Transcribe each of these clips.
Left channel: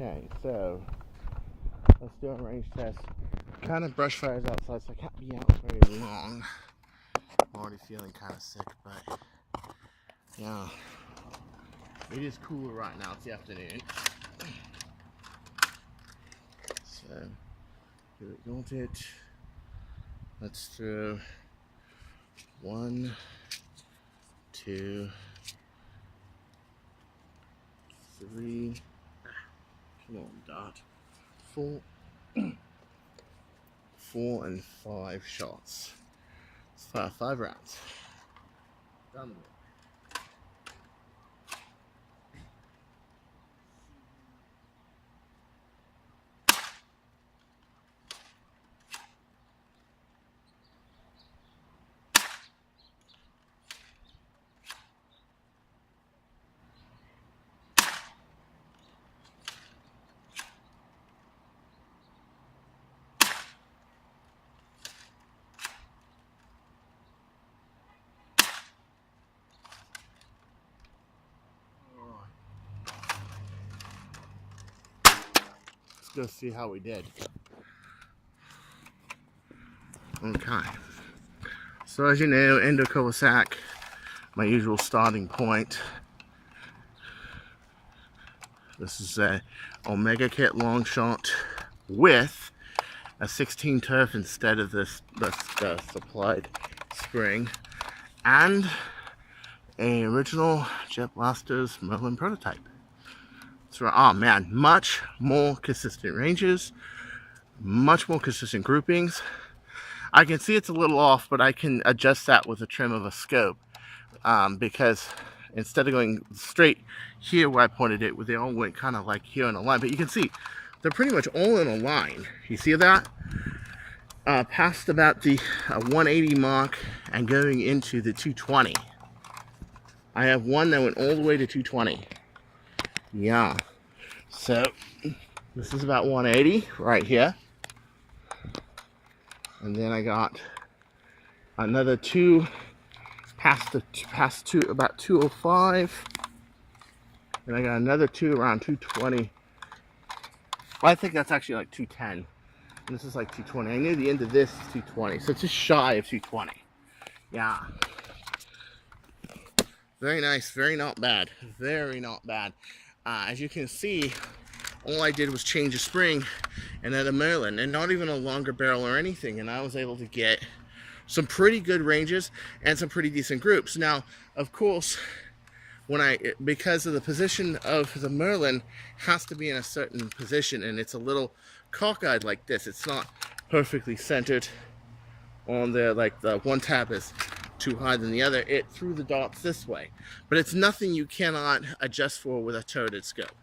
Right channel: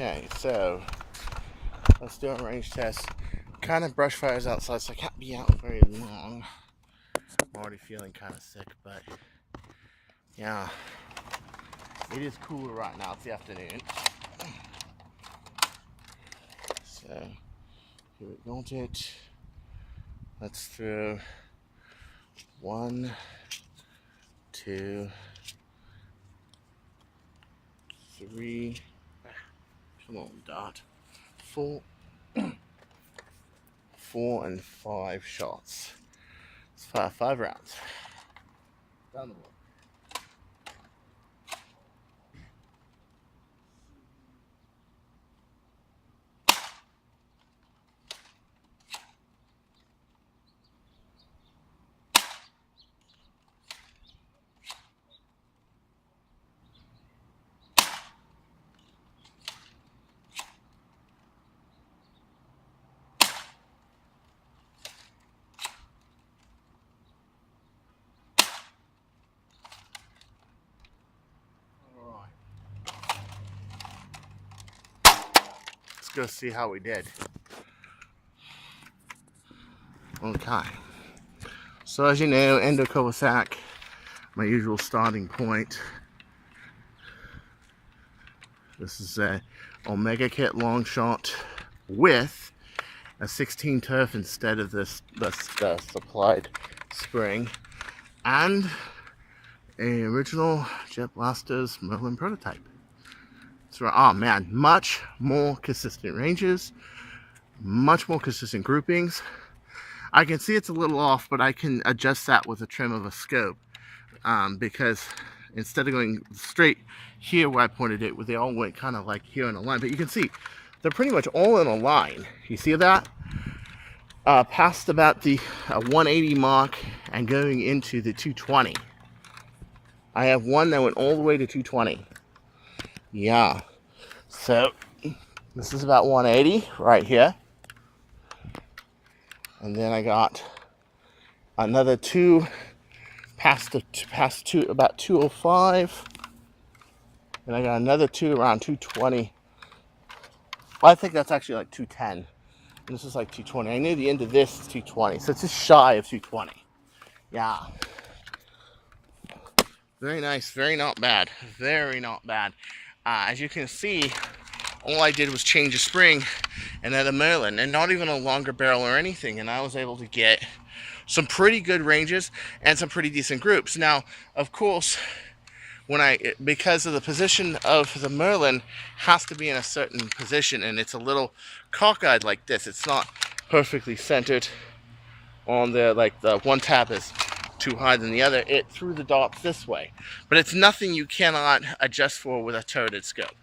Okay, so let's do a range test. Kind of brush fires outside, so I can't be out very long. I'm already feeling kind of sick, but yeah, it is cooler right now. It's the afternoon. So here we got it. Let's throw 1, 2, 3. Come on, Dot. 4, 4 and 5 shots. It's 5 rounds. Down the road. Let's go see how we did. Okay. So as you know, Endo Kowasak, my usual starting point. This is a Omega Kit long shot with a 16 turf instead of the supplied spring, and a original Jet Blasters Merlynn Prototype. So, oh man, much more consistent ranges, much more consistent groupings. I can see it's a little off, but I can adjust that with a trim of a scope, because instead of going straight here where I pointed it, they all went kind of like here in a line. But you can see they're pretty much all in a line. You see that? Past about the 180 mark and going into the 220. I have one that went all the way to 220. Yeah. So this is about 180 right here. And then I got another 2 past two, about 205. And I got another 2 around 220. Well, I think that's actually like 210. And this is like 220. I knew the end of this is 220. So it's just shy of 220. Yeah. Very nice. Very not bad. Very not bad. As you can see, all I did was change a spring and then a Merlynn, and not even a longer barrel or anything, and I was able to get some pretty good ranges and some pretty decent groups. Now, of course, because of the position of the Merlynn has to be in a certain position, and it's a little cockeyed like this. It's not perfectly centered on the, like the one tab is too high than the other. It threw the dots this way, but it's nothing you cannot adjust for with a turreted scope,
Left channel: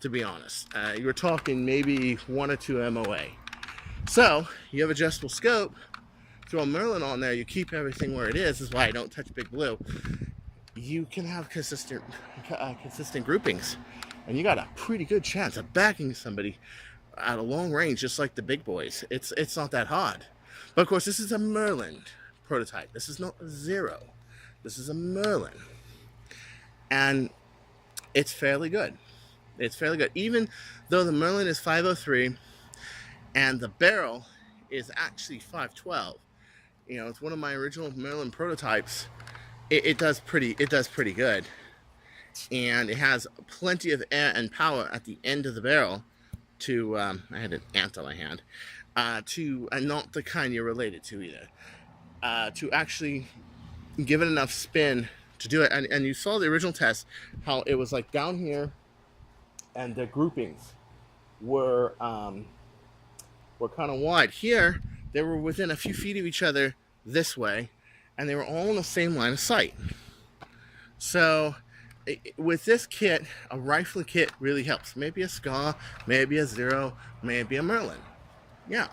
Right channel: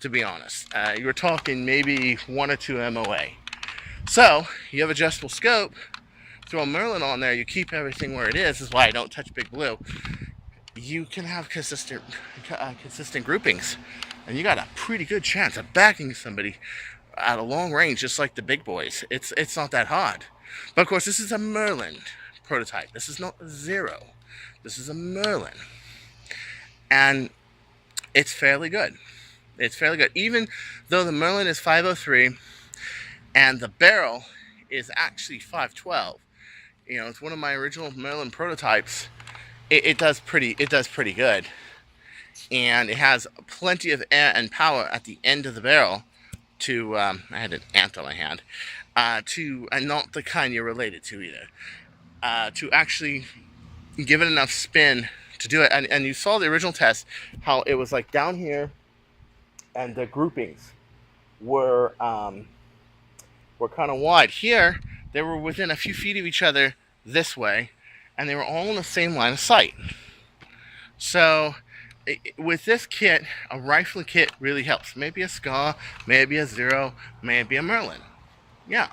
to be honest. You're talking maybe 1 or 2 MOA. So you have adjustable scope, throw a Merlynn on there, you keep everything where it is why I don't touch Big Blue. You can have consistent groupings, and you got a pretty good chance of backing somebody at a long range, just like the big boys. It's not that hard. But of course, this is a Merlynn Prototype. This is not a 0. This is a Merlynn, and it's fairly good. It's fairly good, even though the Merlynn is 503 and the barrel is actually 512. You know, it's one of my original Merlynn Prototypes. It does pretty good, and it has plenty of air and power at the end of the barrel to I had an ant on my hand, and not the kind you're related to either, to actually give it enough spin to do it. And you saw the original test, how it was like down here, and the groupings were kind of wide. Here, they were within a few feet of each other this way, and they were all in the same line of sight. So with this kit, a rifle kit really helps. Maybe a Scar, maybe a 0, maybe a Merlynn. Yeah.